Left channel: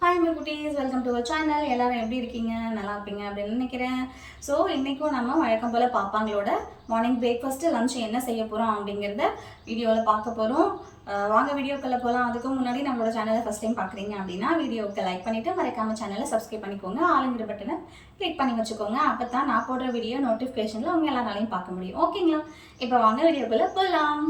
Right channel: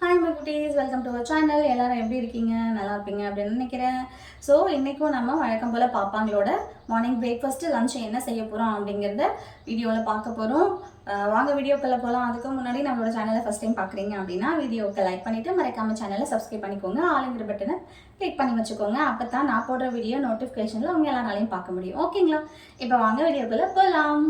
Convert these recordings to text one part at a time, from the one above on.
Hi my குட்டீஸ், welcome to our channel. எல்லாரும் எப்படி இருக்கீங்க? நல்லா இருப்பீங்க அப்படின்னு நினைக்கிறேன். ஸோ இன்றைக்கும் நம்ம வழக்கம் போல் பாப்பாங்களோட மார்னிங் பிரேக்ஃபாஸ்ட்டு லஞ்ச் என்ன செய்ய போகிறோம் அப்படிங்கிறத வீடியோவில் பார்க்க போகிறோம். வாங்க வீடியோக்குள்ளே போகலாம். அதுக்கு முன்னாடி நம்மளோட சேனலை ஃபஸ்ட் டைம் பார்க்குறீங்க அப்படின்னா வீடியோவுக்கு லைக் பண்ணிவிட்டு மறக்காமல் சேனலை சப்ஸ்கிரைப் பண்ணிக்கோங்க. ஆளுங்கிற பட்டனை கிளிக் பண்ணி வச்சுக்கோங்க. அப்போ தான் நான் போடுற வீடியோ நோட்டிஃபிகேஷனில் அவங்க எல்லாராலையும் பார்க்க முடியும். ஓகேங்களா? இப்போ வாங்க வீடியோக்குள்ளே போகலாம்.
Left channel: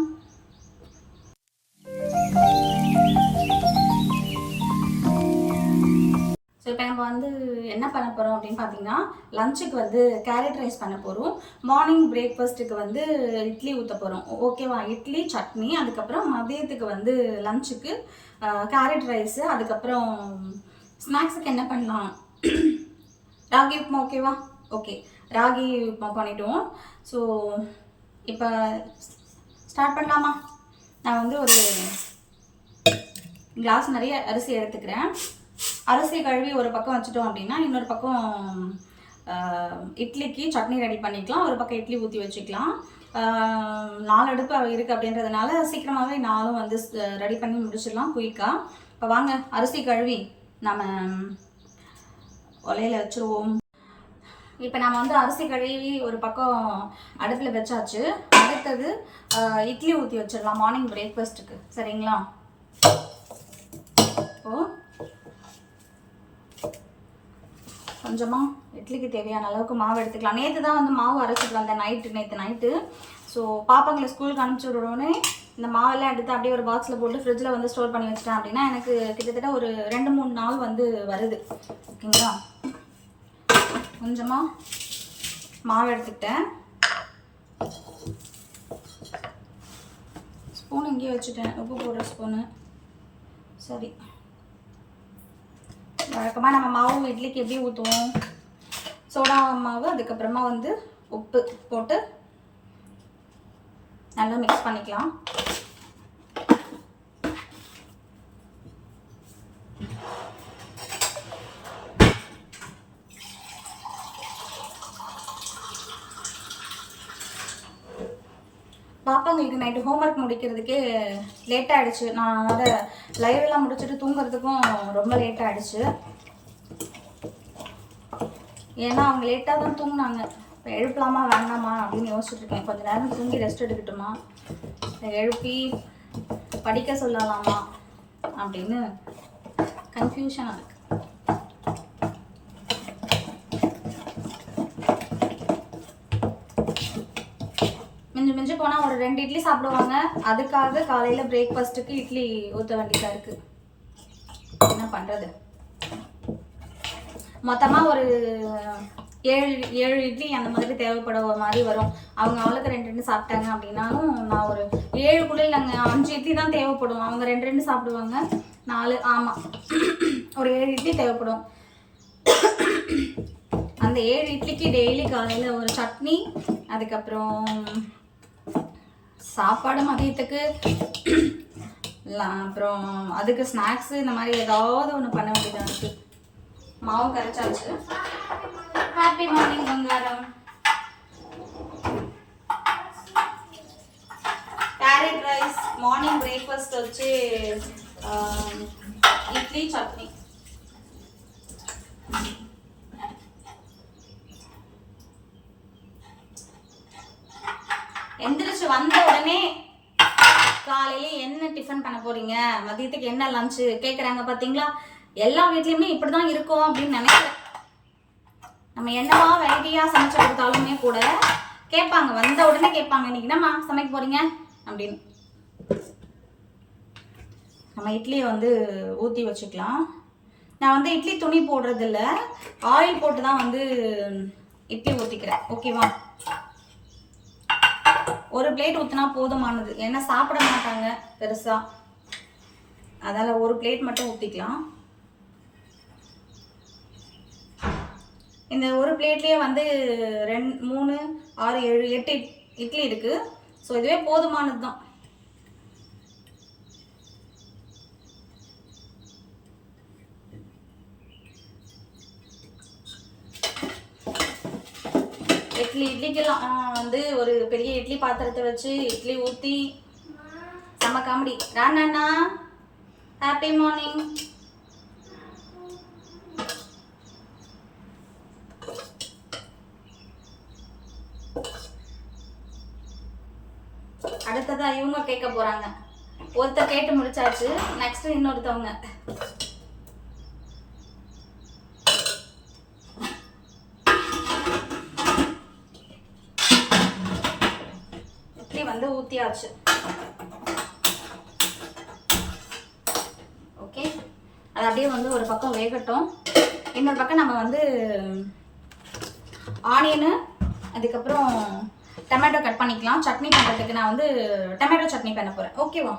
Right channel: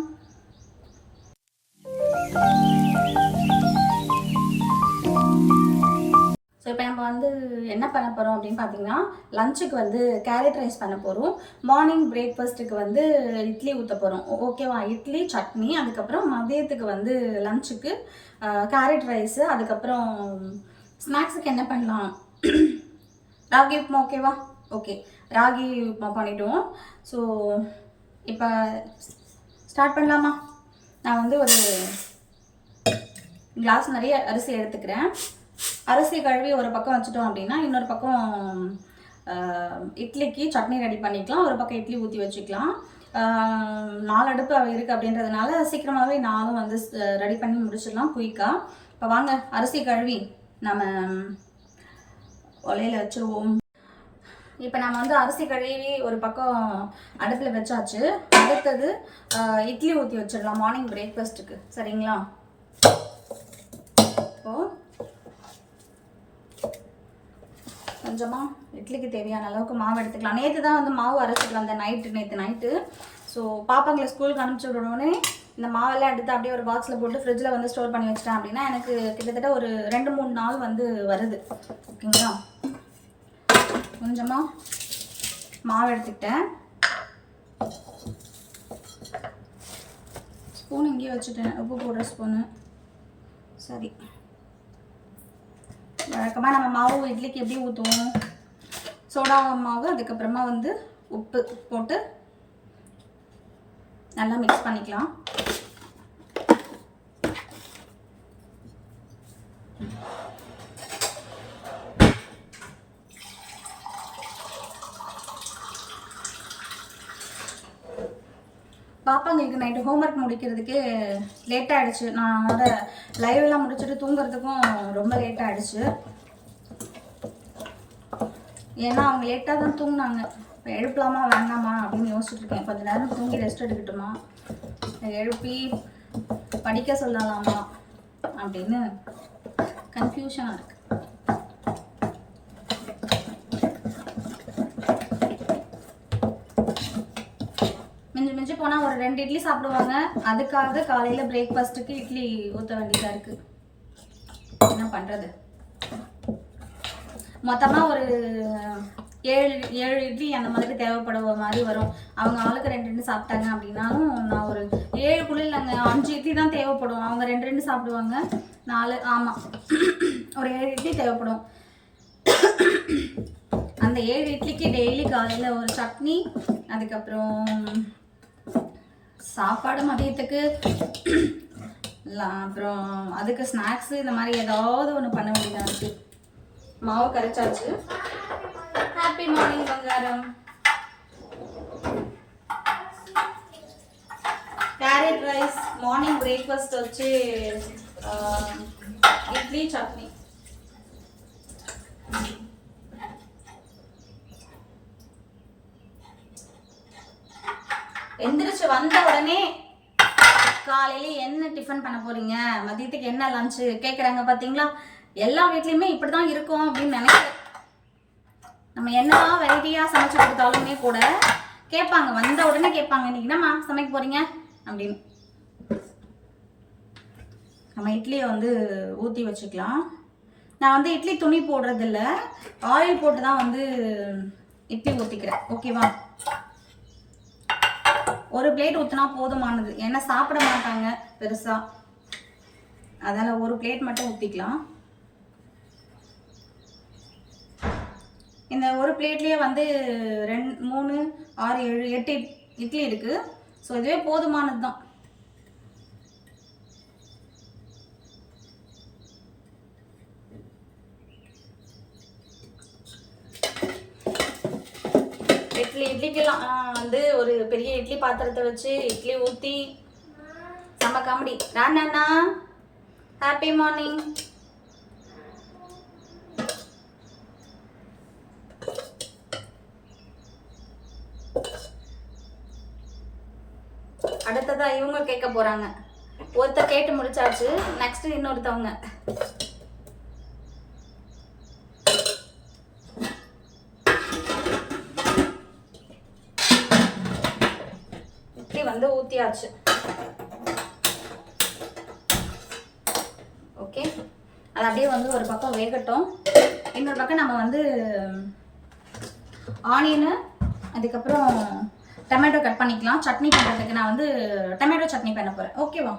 ஸோ இப்போ நம்ம வந்து என்ன பண்ண போகிறோம் அப்படின்னு பார்த்தீங்கன்னா, லஞ்சுக்கு வந்து கேரட் ரைஸ் பண்ண போகிறோம். மார்னிங் பிரேக்ஃபாஸ்ட்டுக்கு வந்து இட்லி ஊற்ற போகிறோம். ஓகேவா? இட்லி சட்னி, அதுக்கப்புறம் மதியத்துக்கு வந்து லஞ்சுக்கு கேரட் ரைஸு, அதுக்கப்புறம் ஸ்நாக்ஸுக்கு என்ன பண்ணலாம்? ராகி உப்புமா. ஓகேவா? ஓகே, ராகி உப்புமா பண்ணிவிடுவோம். ஸோ இப்போ ஸ்டார்ட் பண்ணலாமா? நான் வந்து ஒரு கிளாஸ் நிறைய அரிசி எடுத்துக்கிறேன். அரிசி கழுவி ஒரு பக்கம் வச்சுட்டோம் அப்படின்னா இன்னொரு பக்கம் இட்லிக்கு சட்னி ரெடி பண்ணிக்கலாம். ஒரு பக்கம் இட்லி ஊற்றி வச்சுக்கலாம். 4 அடுப்பு இருக்குது அப்படின்றதுனால சீக்கிரமாகவே நானும் வந்து ரெடி பண்ணி முடிச்சிடலாம் குயிக்காக. இப்போ வாங்க அரிசி கழுவி நம்ம ஒலையில் வச்சுருவோம். இப்போ நம்ம வந்து அரிசி கழுவி ஒரு பக்கம் அடுப்பில் வச்சாச்சு. அடுத்தது இட்லி ஊற்றி வச்சிடலாம் மார்னிங் பிரேக்ஃபாஸ்ட்டுக்கு. சரிங்களா? இப்போது கொஞ்சமாக இட்லிக்கு தேவையான அளவுக்கு மாவு எடுத்துக்கலாம். நேற்று தான் வந்து மாவு அரைச்சிக்கலாம், அந்த நேற்று நைட்டு. ஸோ பாப்பாங்களை ஸ்கூலுக்கு அனுப்பிச்சி விடனே இந்த மாவெல்லாம் எடுத்து அப்படியே ஒரு பாக்ஸில் போட்டு ஃப்ரிட்ஜில் வந்து ஸ்டோர் பண்ணி வச்சிட்டேன் அப்படின்னா எனக்கு கிட்டத்தட்ட ஒரு 2-3 நாள் வந்து வருது. ஓகேங்களா? கொஞ்சமாக மாவு எடுத்துக்கிட்டேன். ஸ்பூன் இங்கேயே வச்சுட்டேன், உப்பு போடுற ஸ்பூனு. சரி, வழக்கமாக நம்ம மாவு இட்லிக்கு எப்படி ஊற்றுவோம்? சோடா மாவு, அதுக்கப்புறமா வந்து உப்பு போட்டு நல்லா மிக்ஸ் பண்ணிக்கலாம். பாப்பாங்களுக்கு நைட்டு ஹோம்ஒர்க் முடிக்கிறதுக்கே லேட் ஆகிடுச்சு. நான் அதை லைவ்லாம் முடிச்சுட்டு தூங்குறதுக்கும் ரொம்ப லேட் ஆகிடுச்சு. ஏன்னா அவங்க லேட்டாக தான் தூங்கினாங்க. இப்போ எழுப்பலாமா வேண்டாமா அப்படின்னு யோசிச்சுட்ருக்கேன். கொஞ்சம் நேரம் தூங்கி ரெஸ்ட் எடுக்கட்டுமா, எழுப்பி படிக்க சொல்லலாமா அப்படின்னு கன்ஃபியூஷனாக இருக்குது. மிஞ்சி போனால் ஒரு 2 இட்லி சாப்பிடுவாங்க. அதுக்காக காலையில் பிரேக்ஃபாஸ்ட்டுக்கு இட்லி ஊற்ற வேண்டியதாக இருக்குது. என்ன பண்ணுறது? மொத்தமாக ஒரு 7 இட்லி அந்த மாதிரி தேவைப்படுற மாதிரி வரும். அவங்க ஆளுக்கு 2 சாப்பிட்டாங்க அப்படின்னாலும் நான் ஒரு 7 இல்லைங்க, 5 இட்லி தான் தேவைப்படும். அவங்க 2 சாப்பிடுவாங்க, 4, ஆமாம், ஒரு 7 இட்லி தேவைப்படும். அந்த 7 இட்லிக்கு டெய்லி காலையில் ஒரு சட்னி, அதுக்கப்புறம் சாப்பாடு மதியத்துக்கு, அப்புறம் அதுக்கு ஸ்நாக்ஸு, இந்த மாதிரி ஏதாவது ஒன்று பண்ண வேண்டியதாக இருக்குது. மாவு கரைச்சாச்சு. ஹாப்பி மார்னிங் பங்காரம். கேரட் ரைஸ் மார்னிங் பிரேக்ஃபாஸ்ட் வச்சு இட்லி சட்னி. எந்திரிச்சு வந்த உடனே காலையில என்ன டிஃபன் பண்ண போறீங்க, மதியத்துக்கு என்ன லஞ்சு கேட்குறாங்க. பார்த்தீங்களா? எல்லா வீட்லேயுமே இப்படி தான் இருக்கும் அப்படின்னு நினைக்கிறேன். நம்ம என்னதான் வெரைட்டியாக சமைச்சு கொடுத்தாலுமே கூட கேட்பாங்க, வந்த உடனே கேட்பாங்க, இன்னைக்கு என்னம்மா சமைக்க போறீங்க அப்படின்னு. நம்ம இட்லியை வந்து ஊற்றி வச்சுக்கலாம். நான் வந்து இட்லி துணி போடுறதில்ல, ஆயில் போட்டு தான் வந்து இட்லி ஊற்றிக்கிறேன். ஓகேவா? ஒரு பிளேட் ஊற்றினா போதுமானது. ஏன்னா சாப்பிட மாட்டாங்க பெருசாக, அதனால் ஒரு பிளேட் மட்டும் ஊற்றிக்கலாம். இந்த ஒரு பிளேட்லேயே வந்து 2, 3, 6, 7, 8 இட்லி இருக்குது. ஸோ இதுவே போதுமானது தான். இட்லிக்கெல்லாம் வந்து ஒரு பெரிய இட்லி பாத்திரத்தை வச்சு இட்லி ஊற்றி செம்ம காமெடி. Rana, happy morning. அடுத்ததான் இவங்க கேட்க போறாங்க. ஒருத்தர் கேட்டு முடிச்சாச்சு, நெக்ஸ்ட் இன்னொருத்தவங்க. இட்லி வந்து ஊத்தியாச்சு. ஓகே, அது அப்படியே வந்து ஒரு பக்கம் வேகட்டும். இன்னொரு பக்கம் நம்ம வந்து ஆனியனு அதுக்கப்புறம் டொமேட்டோ கட் பண்ணிக்கலாம். சட்னி பண்ணுறதுக்கு நான் வந்து டொமேட்டோ சட்னி பண்ண போகிறேன். ஓகேவா?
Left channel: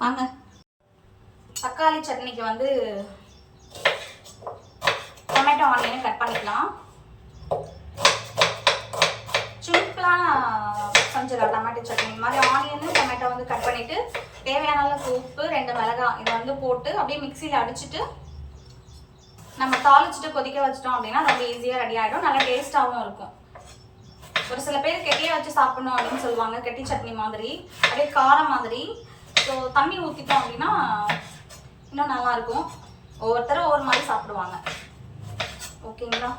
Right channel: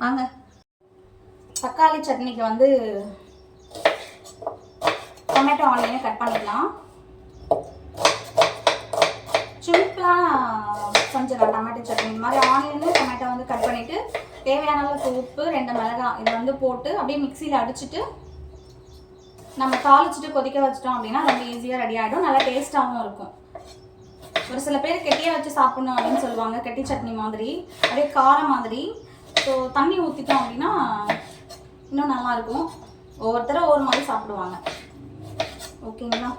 வாங்க. தக்காளி சட்னிக்கு வந்து டொமேட்டோ ஆனியனை கட் பண்ணிக்கலாம். சிம்பிளாக செஞ்சிடலாம் டொமேட்டோ சட்னி. இந்த மாதிரி ஆனியன் டொமேட்டோ வந்து கட் பண்ணிவிட்டு தேவையான அளவுக்கு உப்பு, 2 மிளகாய் இதை வந்து போட்டு அப்படியே மிக்சியில் அடிச்சுட்டு நம்ம தாளிச்சுட்டு கொதிக்க வச்சிட்டோம் அப்படின்னா ரொம்ப ஈஸியாக ரெடி ஆகிடும். நல்லா டேஸ்ட்டாகவும் இருக்கும். ஒரு சில பேர் கெட்டியாக வச்சு சாப்பிடணும் அப்படின்னு சொல்லுவாங்க, கெட்டி சட்னி மாதிரி, அப்படியே காரம் மாதிரி. ஸோ தண்ணி ஊற்றிட்டோம் அப்படின்னா இன்னும் நல்லாயிருக்கும். ஒவ்வொருத்தரும் ஒவ்வொரு மாதிரி சாப்பிடுவாங்க. ஓகேங்களா?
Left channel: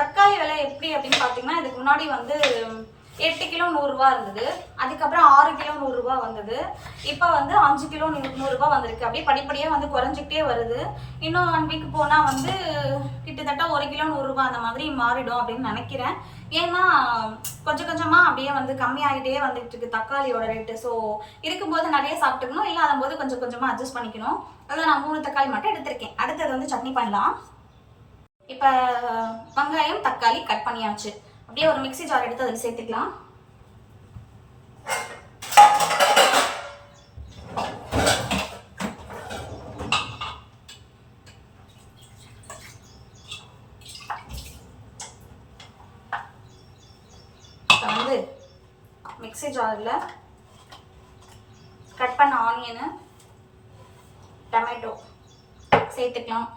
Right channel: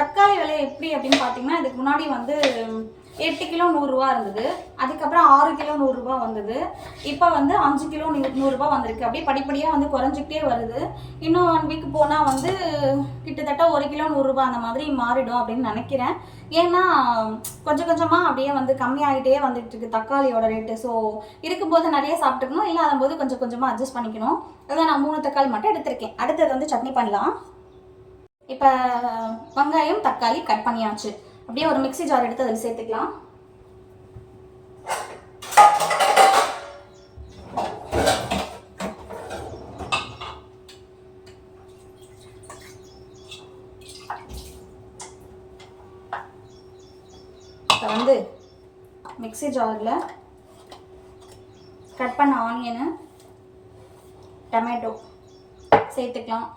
தக்காளி விலை எப்படி அப்படின்னு பார்த்தீங்கன்னா, இதுக்கு முன்னாடி வந்து 8 கிலோ 100 ரூபா இருந்தது. அதுக்கப்புறம் 6 கிலோ 100 ரூபா வந்தது. இப்போ வந்து 5 கிலோ 100 ரூபா வந்திருக்கு. அப்படியே படிப்படியாக வந்து குறைஞ்சிக்கிட்டே வருது. இன்னும் 1 வீக் போனால் வந்து கிட்டத்தட்ட 1 கிலோ 100 ரூபா அந்த மாதிரி மாறிடும் அப்படின்னு நினைக்கிறேன். ஏன்னா கொஞ்சம் கொஞ்சமாக அப்படியே வந்து கம்மியாகிட்டே வந்துட்டு இருக்கு தக்காளியோட ரேட்டு. ஸோ இருக்கும்போது நிறைய சாப்பிட்டுக்கணும், இல்லாத போது கொஞ்சம் கொஞ்சமாக அட்ஜஸ்ட் பண்ணிக்கணும். அதான் நான் 3 தக்காளி மட்டும் எடுத்திருக்கேன். அடுத்தது வந்து சட்னி பண்ணலாம். இப்போ வெங்காயம் தக்காளி கட் பண்ணியாச்சு. அப்படியே ஒரு மிக்ஸி ஜார் எடுத்து அதில் சேர்த்துக்கலாம். இப்போ வந்து மிக்ஸி ஜாரில் கட் பண்ண ஆனியனு டொமேட்டோ சேர்த்துக்கலாம்.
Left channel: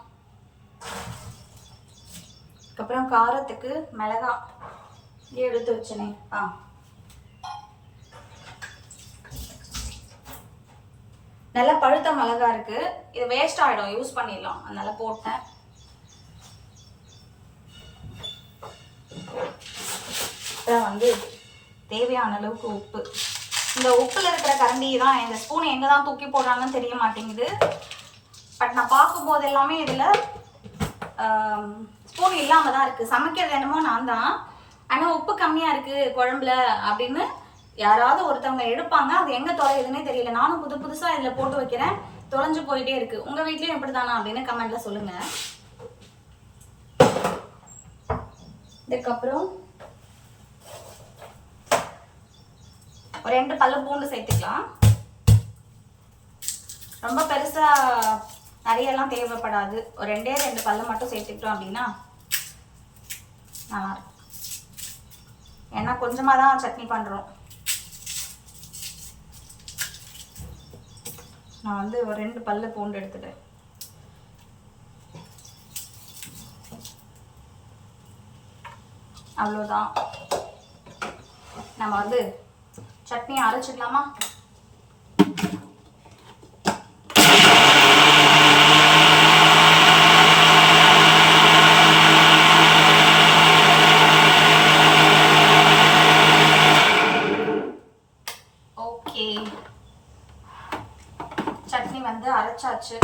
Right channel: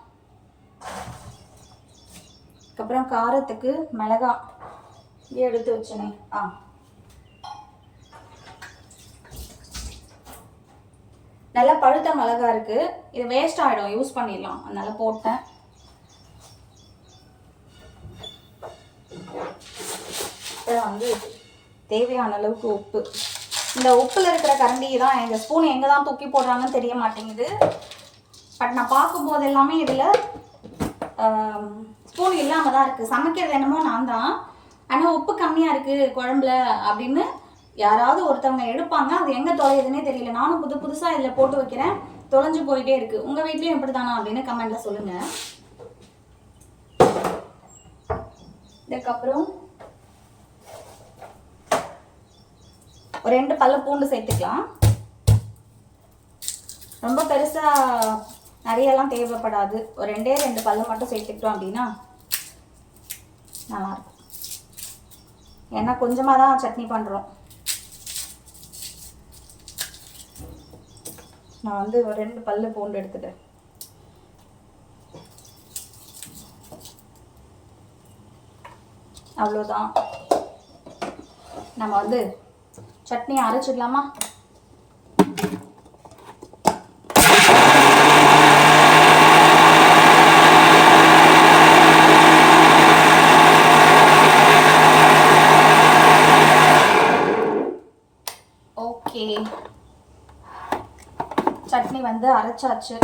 அதுக்கப்புறம் காரத்துக்கு மிளகாய் எடுத்து வச்சனே நல்லா பழுத்த மிளகாய் இருக்கு. இது வேஸ்ட் ஆகிடும், யூஸ் பண்ணிடலாம், அதனால போட்டேன். வந்து தேவையான அளவுக்கு உப்பு. இந்த உப்புல இருக்கிற கரண்டி தான், இந்த ஸ்பூன் எங்கே தான் தூக்கி போடுறாங்கன்னு தெரிய மாட்டேங்குது. பட் நான் பார்க்கும்போது எல்லாமே இதில் ஸ்பூன் இல்லாமல் தான் இருக்குது. சமைக்கிறது என்னமோ நான் தான், ஆனால் உப்பு கம்மியாக இருக்குது குழம்புல அப்படின்னு யாராவது ஒருத்தவங்க எடுப்பாங்க. அது எங்கே தொலையுதுன்னே தெரியல. நானும் புதுசாக இதில் போட்டு வைக்கிறேன், தொலைஞ்சு போயிட்டே இருக்குது. உங்கள் வீட்லேயும் எப்படி தானா அப்படின்னு கமெண்ட்டில் சொல்லுங்கள். இதுக்கப்புறம் ஒரு 2 பல்லு பூண்டு சேர்த்துக்கலாம். ரொம்ப பெருசாக நிறையெல்லாம் தேவைப்படாது. ஒரு 2 பல்லு மட்டும் சேர்த்துக்கிட்டோம் அப்படின்னா நல்லாயிருக்கும். ஏன்னா கொஞ்சமாக தான் சட்னி பண்ணுறோம். நான் வந்து ஒரு 2 பல்லு பூண்டு எடுத்துட்டேன். அவ்வளோதான். நம்ம வந்து சட்னி அரைச்சிடலாமா? ஓகே, சட்னி வந்து அரைச்சாச்சு.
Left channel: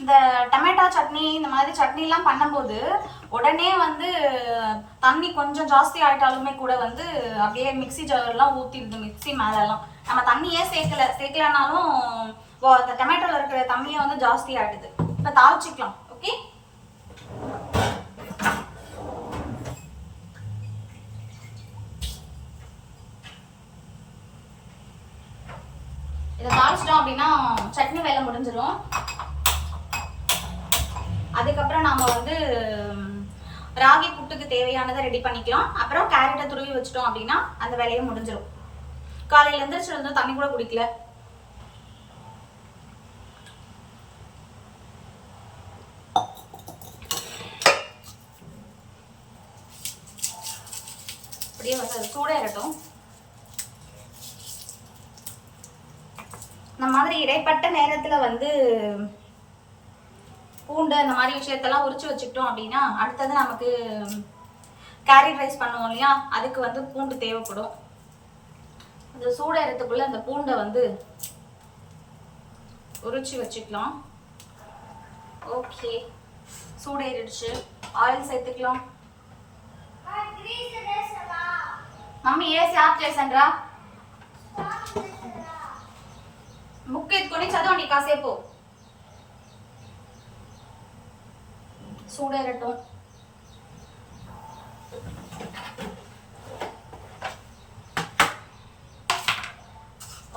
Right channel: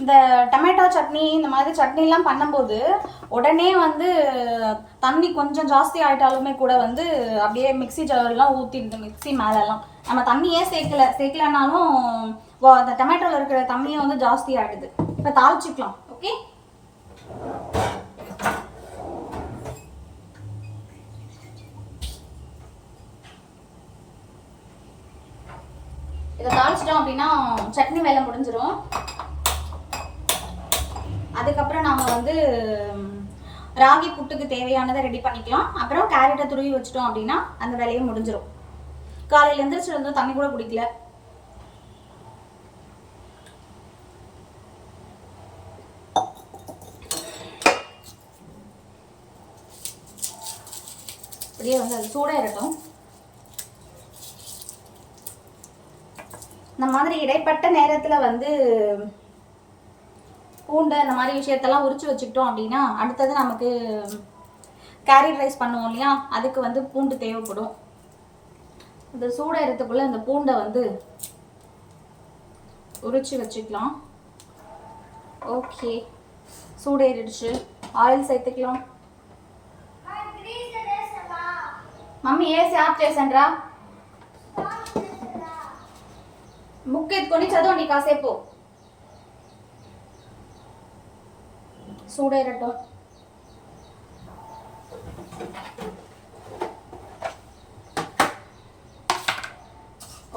இந்த டொமேட்டோ சட்னி இந்த மாதிரி சட்னிலாம் பண்ணும்போது உடனே வந்து தண்ணி கொஞ்சம் ஜாஸ்தி ஆகிட்டாலுமே கூட வந்து அப்படியே மிக்ஸி ஜார்லாம் ஊற்றிடுது. மிக்ஸி மேலெல்லாம் நம்ம தண்ணியே சேர்க்கலனாலும் அந்த டொமேட்டோவில் இருக்கிற தண்ணியை வந்து ஜாஸ்தி ஆகிடுது. இப்போ தாளிச்சிக்கலாம். ஓகே, இதை தாளிச்சிட்டோம் அப்படின்னா சட்னி வேலை முடிஞ்சிடும். அதுக்கப்புறம் நாம வந்து ராகி புட்டுக்கு தேவையானதை ரெடி பண்ணிக்கலாம். அப்புறம் கேரட்டை துருவி வச்சிட்டோம் அப்படின்னா அந்த வேலையை முடிஞ்சிடும். காலையில எழுந்திரிச்சு தண்ணி கூட குடிக்கல. அப்படியே வந்து அது சூடாயிரட்டும். இந்த மாதிரி இடைப்பட்ட நேரத்தில் வந்து பூண்டு அந்த மாதிரி விஷயத்தெல்லாம் உரிச்சு வச்சுக்கிட்டோம் அப்படின்னா அடுத்தது நமக்கு கேரட் ரைஸ் பண்ணுவோம் இல்லையா, அதுக்கு வந்து பூண்டு தேவைப்படும். இந்த சூடாயிரத்துக்குள்ள அந்த பூண்டை வந்து உரிச்சு வச்சுக்கலாம். ஓகே, சூடேறிடுச்சு. ஆயில் சேர்த்துக்கலாம். మమ్మీ ఏసి ఆఫ్ చేసండ్రా. బుక్ ఎత్తుకొని చదవండి కాసేపు. సూడేరటం.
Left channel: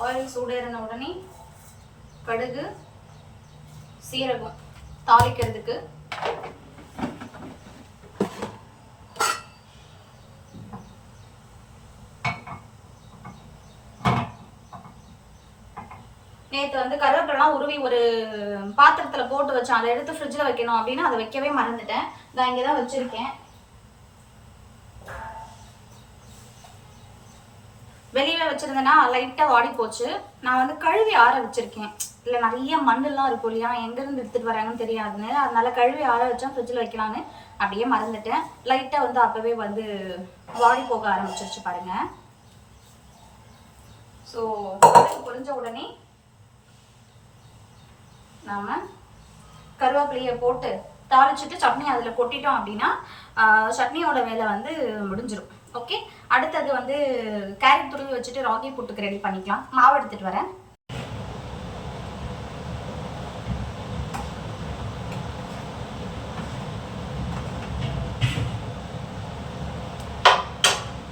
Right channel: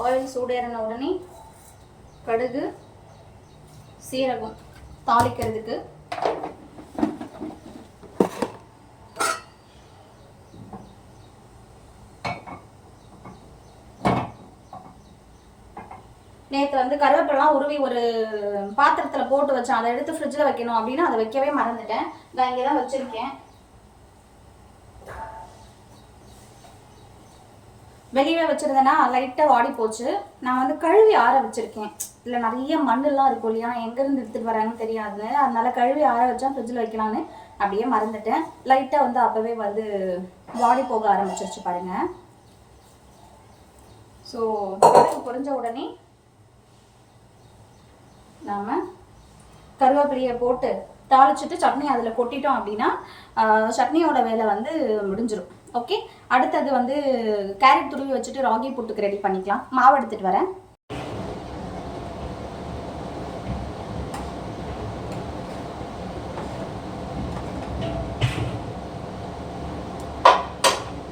ఆయిల్ சூடேறின உடனே கடுகு சீரகம் தாளிக்கிறதுக்கு. நேற்று வந்து கருவேப்பிலாம் உருவி ஒரு பாத்திரத்தில் போட்டு வச்சேன். அதை எடுத்து ஃப்ரிட்ஜில் வைக்கணும் அப்படின்னு அதை வைக்கவே மறந்துட்டேன். நான் இங்கே தான் வச்சுருக்கேன். வெளியே வச்சுருந்தேன்னா லைட்டாக வாடி போச்சு. நான் வந்து கழுவி ஆற வச்சுருக்கேன். இல்லை நிறைய மண்ணெல்லாம் இருக்கும் இல்லையா, எங்கேருந்து எடுத்துகிட்டு வராங்கன்னு தெரியாது. அதனால கழுவி ஆற வச்சா ஃப்ரிட்ஜில் வைக்கலான்னு அப்படியே மறந்துட்டேன். லைட்டாக வந்து அப்போவே வந்து வாடி போக ஆரம்பிச்சிருச்சு பாருங்கள். ஸோ பொரிஞ்ச உடனே நாம் கருவேப்பிலையை போட்டு தாளிச்சுட்டு சட்னி அதில் கொட்டிட்டோம் அப்படின்னா சட்னியோட வேலை வந்து முடிஞ்சிடும். ஓகே, அடுத்தது வந்து கேரட் துருவி வச்சுட்டு ராகி புட்டுக்கு ரெடி பண்ணிக்கலாம். மாவு எடுத்துகிட்டு வரேன்.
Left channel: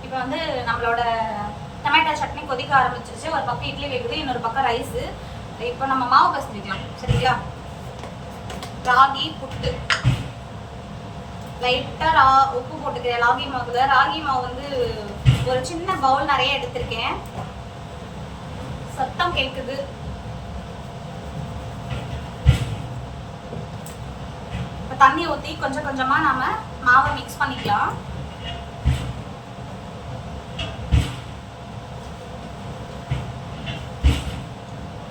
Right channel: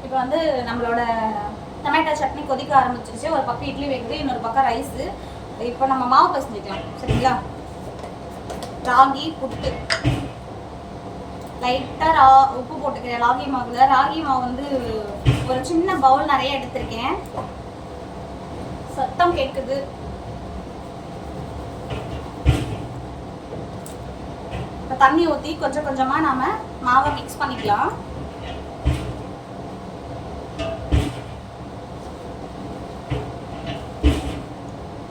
இப்போ வந்து நம்மளோட டொமேட்டோ சட்னி கொதிக்க ஆரம்பிச்சிருச்சு. ஒரு பக்கம் இட்லி வைக்குது, இன்னொரு பக்கம் ரைஸு. இப்போ நம்ம மாவு பசஞ்சிக்கலாம். சரிங்களா? ராகி புட்டு லைட்டாக உப்பு போட்டுக்கிறேன் ராகி மாவுல. ராகி மாவு வந்து ஒரு சின்ன பவுல் நிறைய எடுத்திருக்கேன். சத்தம் கேட்குது. இப்போ தண்ணி ஊற்றி கொஞ்சம் கொஞ்சமாக நாம மாவை மிக்ஸ் பண்ணிக்கலாம்.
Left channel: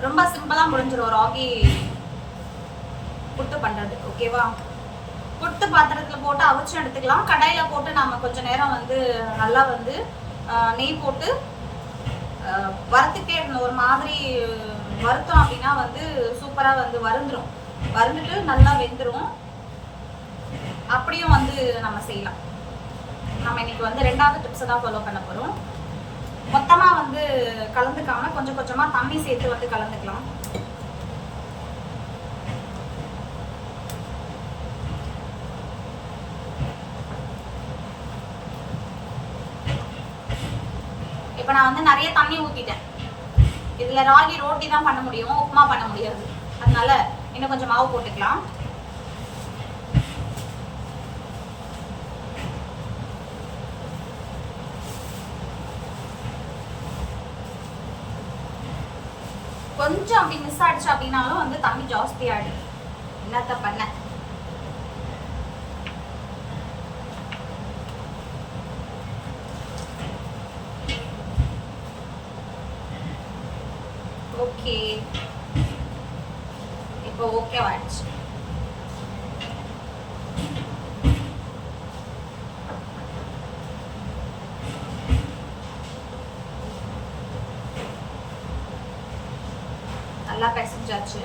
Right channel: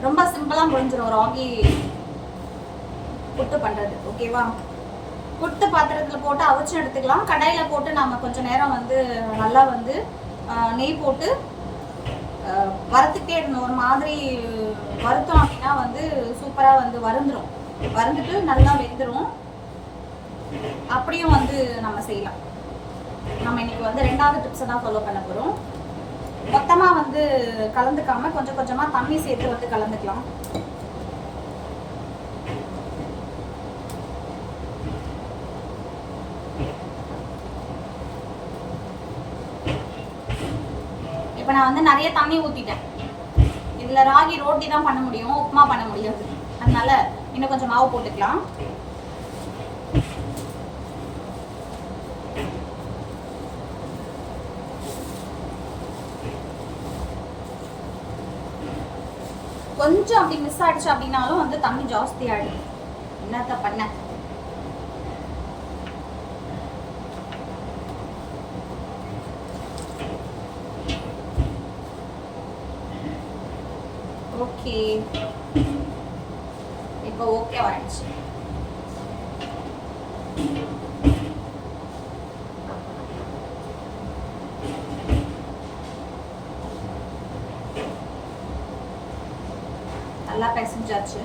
ரொம்ப சிம்பிளா முடிஞ்சிடும் ராகி புட்டு பண்றது. ஓகேவா? புட்டு பாத்திரத்துல போட்டு அவிச்சு எடுத்துக்கலாம். கடாயில போட்டு நாம கொஞ்ச நேரம் வந்து நல்லா வந்து நெய் போட்டு வறுத்துக்கிட்டே இருக்கணும். ஒரு மாதிரி வறுத்தோம் அப்படின்னா வந்து சூப்பரா வந்து வறுந்துட்டு நல்லா வெந்துடும். அப்படியும் வந்து நம்ம செய்யலாம். நம்ம இன்னைக்கு வந்து 2வது டிப்ஸை தான் ஃபாலோ பண்ண போறோம். மொத்தமா வந்து கலந்துக்காம கொஞ்சம் கொஞ்சமா தண்ணி சேர்த்து வந்து கலந்துக்கலாம். இப்ப நான் வந்து நிறைய தண்ணி ஊத்திட்டேன். இதுல ராகி ரோட்டி தான் பண்ண முடியும், உப்புமா பண்ண முடியாது. அதனால இன்னும் கொஞ்சம் மாவு போட்டுக்கலாம். கொஞ்சம் அப்படி மிஸ் ஆயிடுச்சு அப்படின்னாலும் வந்து தண்ணி ஜாஸ்தி ஆயிடுது. என்னத்த பண்ண? ஓகே, இப்போ ஓகே ஆயிடுச்சு. நல்லா பிசைஞ்சாச்சு.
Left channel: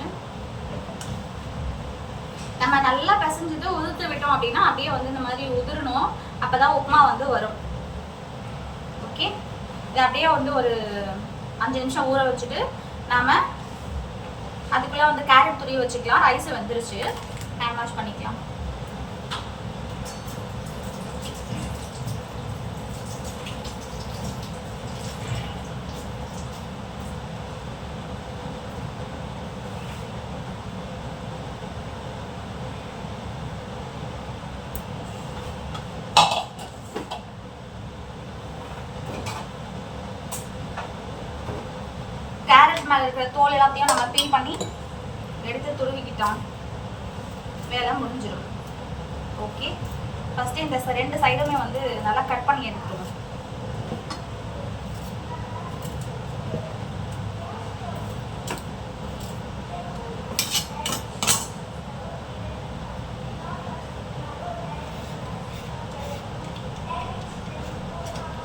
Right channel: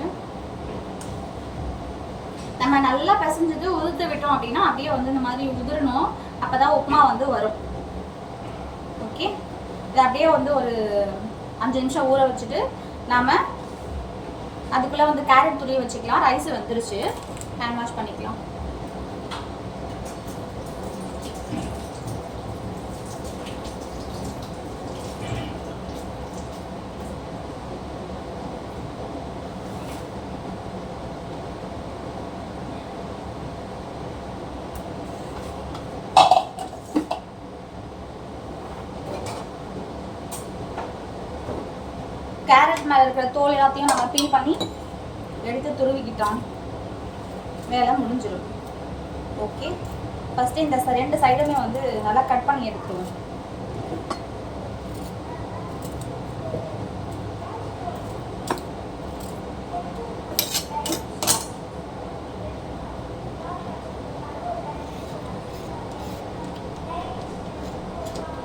நம்ம நல்லா பிசைஞ்சது உதுத்து விட்டோம் அப்படின்னா அப்படியே வந்து இந்த மாதிரி உதிரணும். அப்பதான் உப்புமா வந்து வரும். ஓகே, இது அப்படியே வந்து ஒரு 5 நிமிஷம் ஊற வச்சுட்டு நாம அதுக்குள்ள வந்து கேரட் துருவி வச்சுக்கலாம். ரைஸ் வந்துருச்சு, ஹேண்ட் வாஷ் பண்ணிக்கலாம். கேரட் மேலே இருக்கிற தோல் எல்லாத்தையும் நம்ம பீல் பண்ணி எடுத்து துருவிக்கிட்டோம். வேலை முடிஞ்சிடும். ஓகே, ஃபஸ்ட்டு இந்த 2 சைடுமே வந்து நல்லா கட் பண்ணி எடுத்துருவோம்.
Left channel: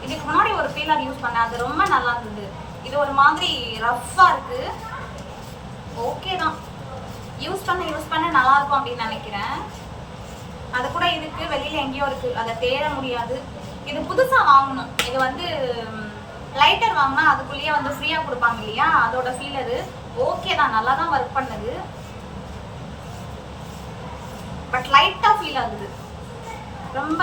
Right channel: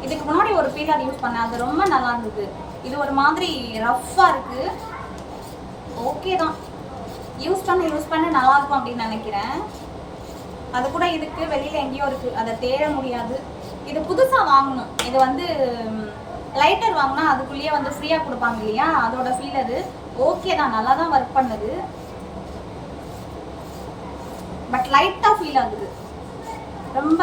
இதுக்கு முன்னாடி ஒரு பீலர் யூஸ் பண்ணேன், அது ரொம்ப நல்லா இருந்தது. இது ஒரு மாதிரி ரஃப்பாக இருக்குது. ஓகே தான், யூஸ் பண்ண நல்லாயிருக்கும் அப்படின்னு நினைக்கிறேன். அது கூட இதுக்கு வெளியில் எங்கேயோ இருக்குது, அதை தேட முடியாது. இது புதுசாக வாங்கணும். இது வந்து லைட்டர் வாங்கினா அதுக்குள்ளேயே வந்து ஃப்ரீயாக கொடுப்பாங்க இல்லையா, அதோட ஃபீலரு ஓகே தான், நல்லா தான் ஒர்க் பண்ணுது. பட் லைட்டாக ஃபீல் ஆகுது. ரொம்ப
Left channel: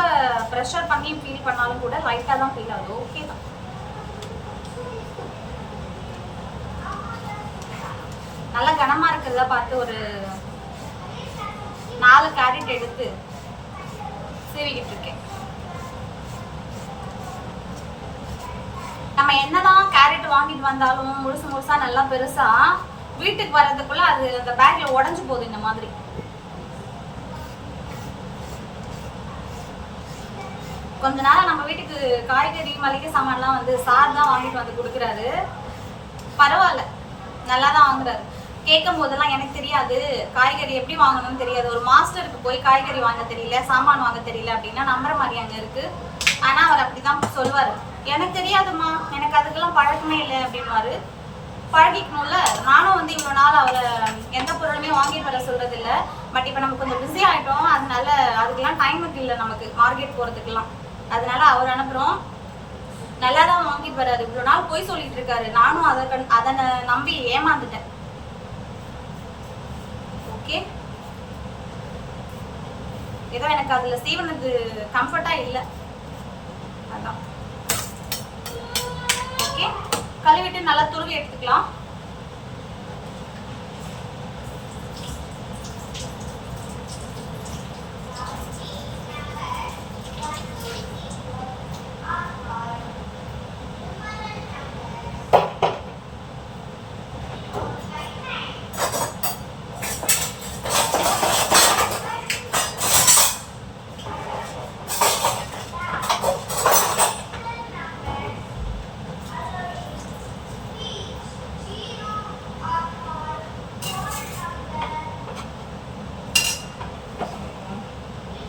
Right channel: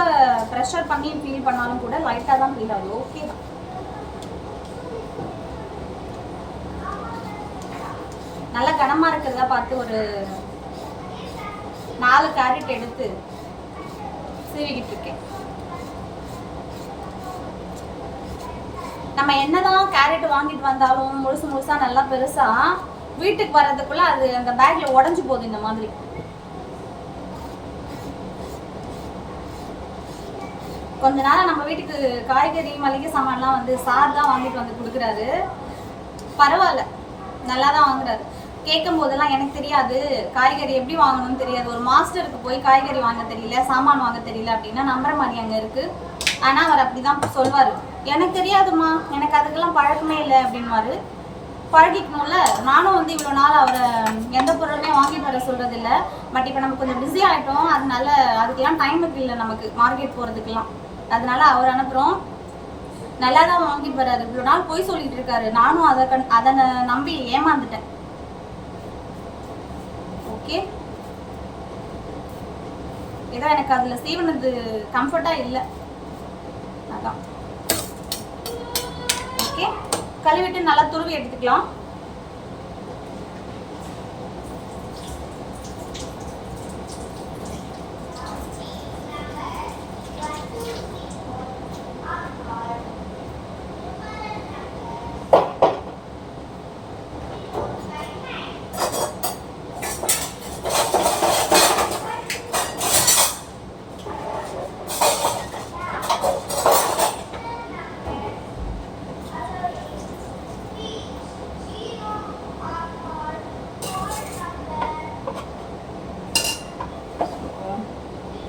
ப்ரெஷர் பண்ணி ஃபீல் பண்ணாலும் கூட லைட்டாக தான் ஃபீல் ஆகுது. ஓகே தான். நல்லா கனமாக இருக்கிறதா பார்த்து ஒரு 4 கேரட் எடுத்து சீவிக்கிட்டு இருக்கேன். நம்ம என்னதான் கேரட் வாங்கிட்டு வந்தாலும் முழுசா நல்லா பெருசா வீட்டுக்கு வர்றதுக்குள்ள அது அந்த பேக்ல உடஞ்சு போகுது. இந்த மாதிரி கொஞ்ச நேரம் நம்ம வீட்டுக்கு காய்கறி மளிகை சாமான்லாம் வந்து சார் தான் வாங்கிட்டு வந்து கொடுக்குறாரு. பரவாயில்ல, நல்லா தான் வாங்குறாரு. கேட்கும் போதெல்லாம் எனக்கு தெரியாது, காய்கறி எப்படி வாங்கணும்னு தெரியாது, ஒரு மாஸ்டருக்கு போய் காய்கறி வாங்க தெரியல, சாமான் வாங்க தெரியல அப்படின்னா நம்புற மாதிரி அங்கே இருக்கு. ஆனால் அவர் அப்படிதான் சொல்வார், எனக்கு தெரியாதுமா, எனக்கு அதுக்கெல்லாம் பழக்கமே இல்லை அப்படின்வாரு. பழகிக்கணும்ல. நானும் வந்து இவ்வளோ நாள் அவரை எந்த பொருளுமே வாங்கிட்டு வர சொல்றது இல்லை. பட் இப்போ நம்ம கொஞ்சம் பிஸி ஆகிட்டோம், அதனால அதுக்கெல்லாம் டைமுக்கு இல்லை நமக்கு மார்க்கெட் போகிறதுக்கெல்லாம். அதனால அவர் அனுப்புகிறோம். நல்லா தான் வாங்கிட்டு வர்றாரு. இவ்வளோ நாள் போய் சொல்லிட்டு இருக்காரு, நானும் அதை நம்பி ஏமாந்துட்டேன். ஓகே, ஏதோ எனக்கு அதில் சீவனது கம்ஃபர்ட்டாக இல்லை, அதான். ஓகே, கழுவிட்டு நல்லா துருவி எடுத்துக்கலாம்.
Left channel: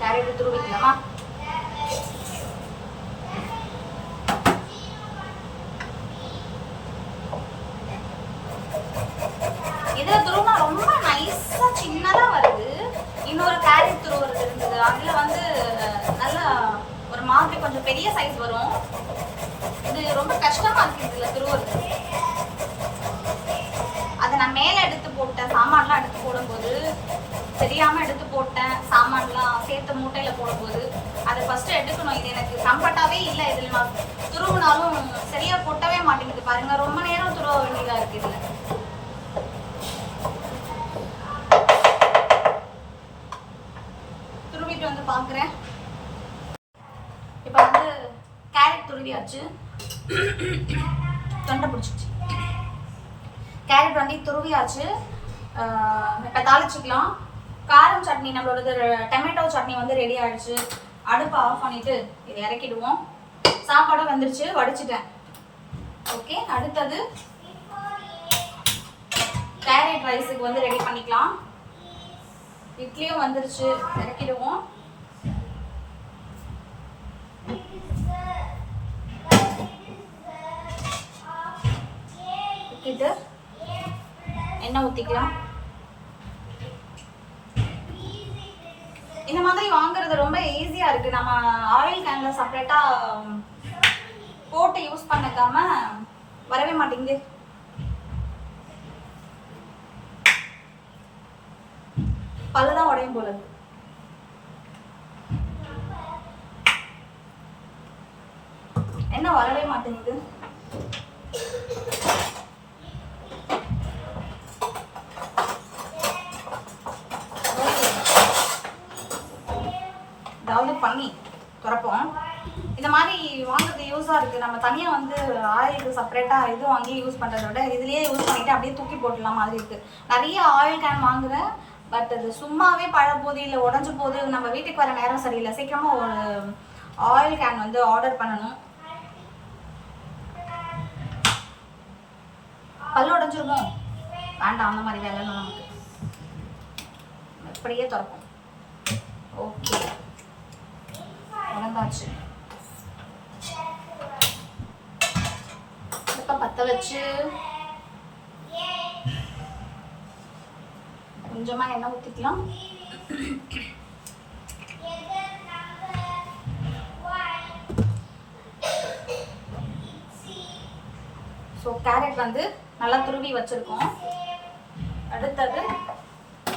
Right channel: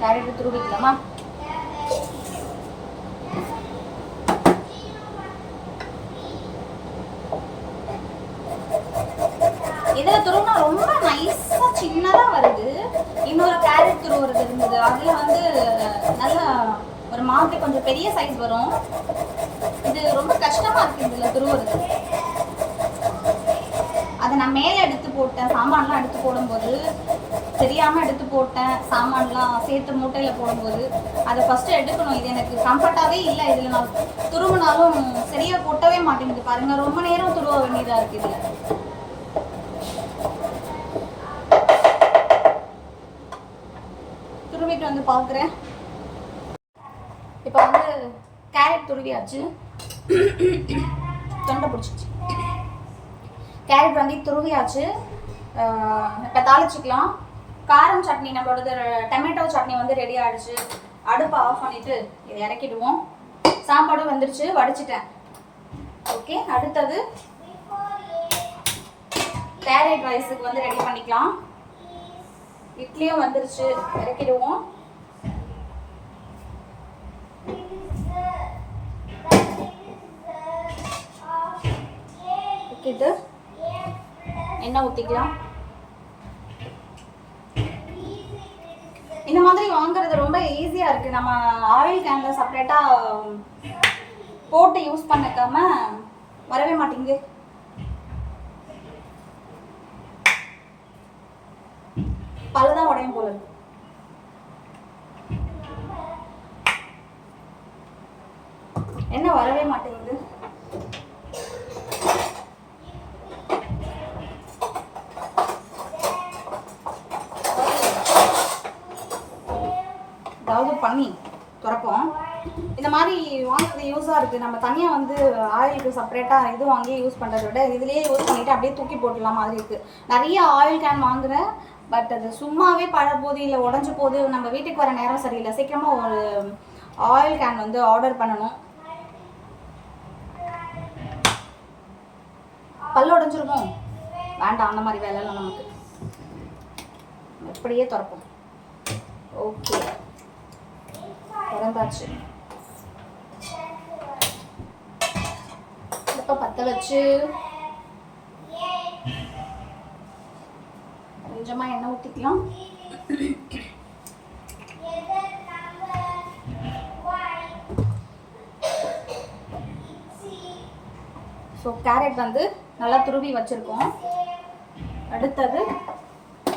கேரட் துருவிக்கலாமா? இதுல துருவினா ரொம்ப நைஸா சின்னதா வருது. இன்னொரு கேரட் துருவுறது இருந்தது, அதுல வந்து நல்லா ஒரு மாதிரி கொஞ்சம் பெரிய சைஸ் வரும். இது ரொம்ப கஷ்டமா இருக்கு இதுல துருவுறது. அதை நான் மேலே எடுத்து போட்டேன், சாமான்லாம் எடுத்து போடும்போது தெரியாமல் எடுத்து போட்டேன். சாமான்லாம் சேர்த்து மூட்டையில் போடும்போது அதை ஃபஸ்ட்டு எடுக்கணும். இது எனக்கு கம்ஃபர்ட்டாகவே இல்லை. இதில் நான் துருவினாலும் சரியாக கொட்டவே மாட்டேங்குது. பாருங்கள், ரொம்ப நேரம் துருவ வேண்டியதாக இருக்குது இதில். துருவிட்டு வந்து பார்க்குறேன். இப்போ வந்து கேரட் துருவியாச்சு. தொண்டை பிடிச்சிச்சு. கேரட் வந்து துருவியாச்சு. இப்போ தாளிச்சிக்கலாம். காரம் சட்னி, நம்மளோட டொமேட்டோ சட்னி வந்து ரெடி ஆகிடுச்சு. அடுப்பை ஆஃப் பண்ணிவிட்டு இதை இறக்கிடுவோம். சாப்பாடும் வந்துடுச்சு, வடிச்சிட்டேன். ஓகே, அடுத்தது கேரட் ரைஸுக்கு வந்து ரெடி பண்ணிக்கலாம். இட்லியும் வந்துடுச்சு, இறக்கிடுவோம். ஊற்றிட்டு எண்ணெய் ஊற்றிக்கலாம். இந்த மாதிரி வாங்குறது ரொம்ப ஈஸியா இருக்கு. நம்ம ஆயில் கேன்ல செப்பரேட்டா போட்டு யூஸ் பண்ணக்காம வரவே மாட்டேங்குது. பல்லுதான் உடையும் போல இருக்கு. என்ன வரவே மாட்டேங்குது. பண்ணி துறப்போம். இந்த மாதிரி வாங்குறது யூஸாக இருக்குது. நம்ம தனியாக வந்து ஆயிலுக்கு செப்பரேட்டாக இது வாங்கி யூஸ் பண்ணுறத விட இதுலேயே யூஸ் பண்ணிவிட்டு அப்படியே தூக்கி போட்டுடலாம் மாதிரி இருக்குது. நிறைய ஆயில் கேன் வாங்குகிறேன், பட் அது சும்மாவே பழப்போது இல்லை உடஞ்சி போது. நம்ம வீட்டுக்கு வர நேரம் சரியில்லை. சீக்கிரமாக ஒரு ஆயில் கேன் வந்து ஆர்டர் பண்ணணும். பல்லு உடஞ்சிருக்கும், வேண்டாம் அந்த மாதிரி வேலைலாம் நமக்கு. எப்படியே துறப்போம். ஓகே, உடந்தாச்சு. அடுப்பை பற்ற வச்சு கொஞ்சமாக எண்ணெய் ஊற்றிக்கலாம். ஸோ கேரட் வந்து நல்லா துருவி வச்சுருக்கோம். அடுத்தது